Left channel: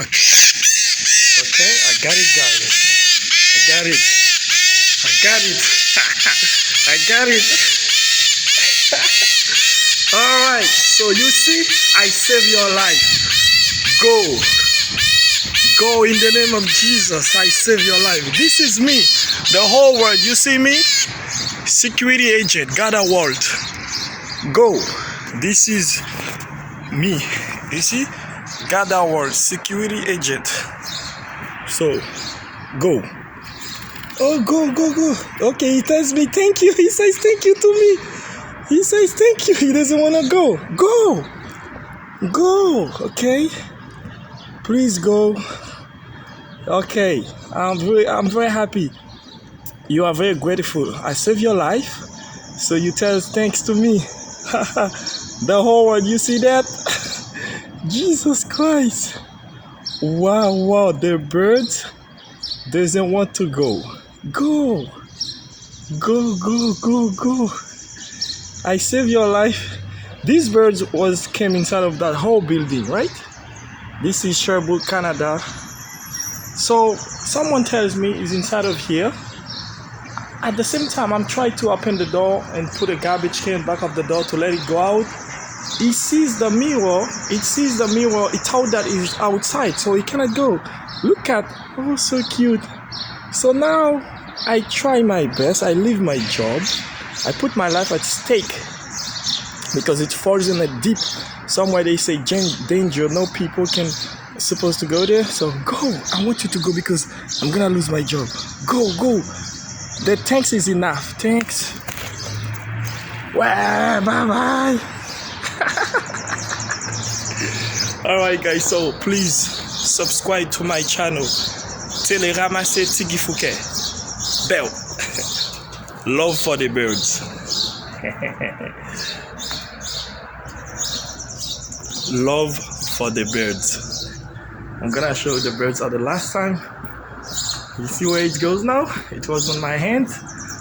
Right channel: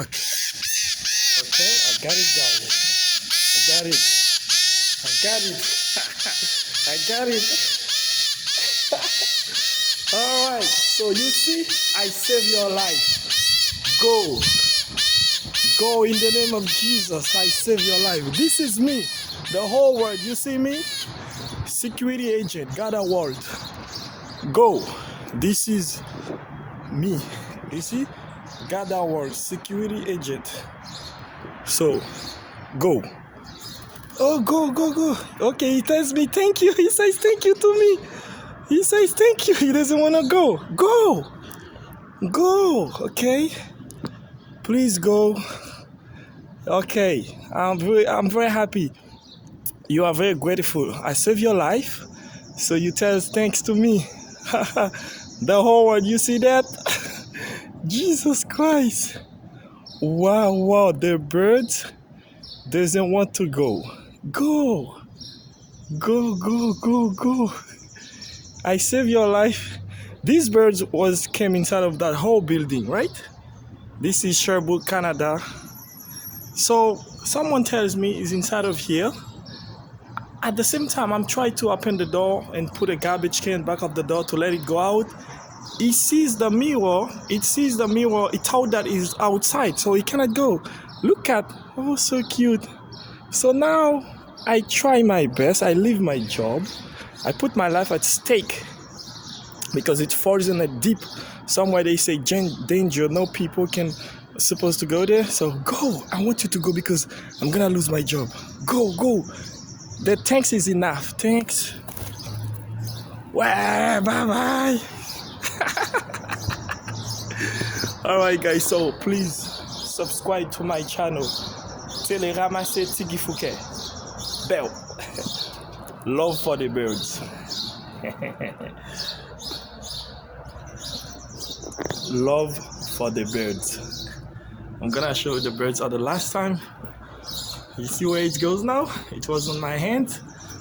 Okay, I got it, guys. I got it. I got it. I got it. All right. So you see, I save your life. Go. Go in the name of Jesus. I save your life. This is me. The whole world. You see me? Security agent. Gather world. Go. This is me. You see? Gather world. Security agent. So, go. Oh, go, go, go. Okay, he tells me thank you. He says thank you to me. He says thank you. He doesn't want to go. Go. Go. Okay. Please go. Okay. I'm very happy. You are very grateful. I saved your life. So you tell us thanks to me. The whole world, you see that? Jesus Christ. Wow, wow. The birds doesn't want to go. Go. Go, go, go, go. I saved your life. These birds came inside of that whole building, right? This is Sherbrooke, Canada. So someone tells me he's inside of here. At the same time, I'm trying to open the door and put a garbage can back of the door to let it go out. He sees the mirror. It sees the mirror. It thought that it's outside, so he cannot go. Look at, oh, so cute. So now I try my best. I leave my job. I put my life at stake because it falls in a deep somewhere. They say danger. No people can supposed to go there. So go. I want you to go because I'm gonna lose my job. Go, go. The thanks is enough. Thanks. Well, bye bye. Alright guys, so please subscribe to my channel. Télé ramasser Tiggy Fouquet. Bell. Love for the birds. Love for the birds. I'm gonna show the birds at the last time. You see where it goes now? It was on my hand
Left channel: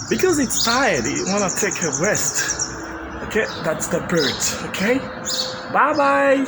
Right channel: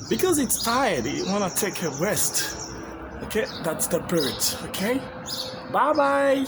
because it's tired. It wanna take a rest. Okay, that's the bird. Okay, bye bye.